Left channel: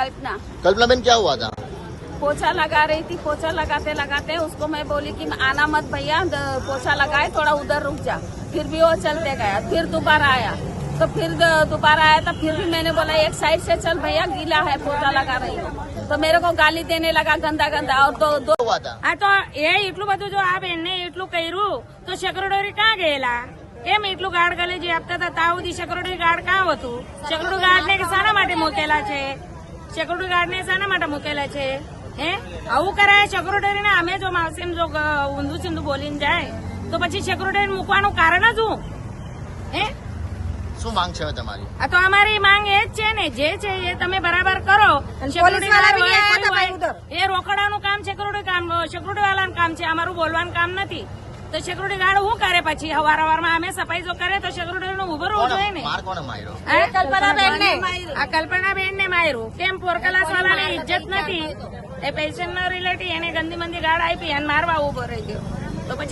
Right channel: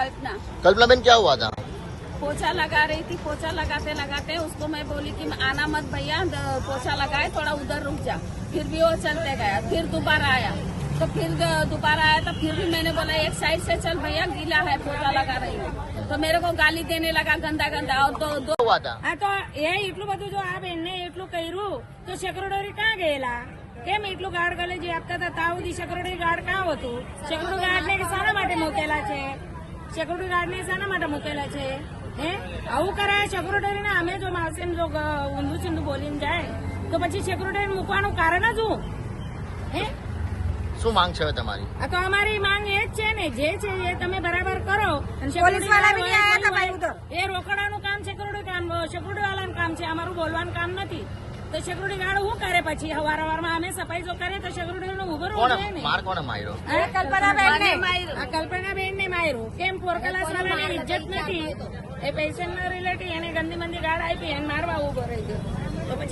कल्पना। कल्पना बहन क्या हुआ था? पोछा लगा रही थी, पोछा लगाते लगाते उसको मैं बोली कि आना मत भैया, पोछा लगाए थोड़ा उधर रुक जा। फिर भी वो चलते गया, फिर दोबारा आया तो फिर दोबारा आया तो फिर भी मैंने बोला एक साइड से चल भैया, गीला है, पोछा लगा रही हूँ। तो मेरे को गाली देने लगा गंदा गंदा। और दो हुआ था આ તો એ એટલું બધું જો આ બેનને એટલું કર્યું તો સેક્રેટરી ક્યાં ગયેલા? કેમ એટલું ગાર્ડ ગલે જે આપતા હતા ત્યાં સુધી સેક્રેટરી ગાર્ડ ક્યાં હતું? સેક્રેટરી ગાર્ડને શાના માટે મૂકેલા છે? સેક્રેટરી ગાર્ડને શાના માટે મૂકેલા છે? હે આવું કરાય સેક્રેટરીને? અમે જો માવસીને જો ઊંધું ચીંધું બોલીને જાય તો પછી સેક્રેટરી મૂકવાનું કારણ જ શું? હે શું માંગ છે તમારી? આ તો અમારી માંગ એ જ છે ને, જે છે એ તમે બરાબર કરો. સેક્યુરિટી ગાર્ડ હોય, કોઈ હોય, એ રોકડાનું કામ સેક્યુરિટી વાળાનું કામ છે, અમારું બોલવાનું કામ નથી. તો સેક્યુરિટી ગાર્ડ શું કરે પછી? હવારમાં અમે સફાઈ જો કરે તો સેક્યુરિટી નું ઉભો રહેવું જોઈએ ને. માર કોણે માર્યો? આ કલ્પનાબેન ને માર્યું. કેમ પોરકલાસ વાળાને ઇજ્જત નથી? એ પેશન્ટ ના રિલેટિવ એને ગંદી મંદી ગાર્ડ આપી અને મારવા ઉભો રહી ગયો તો પછી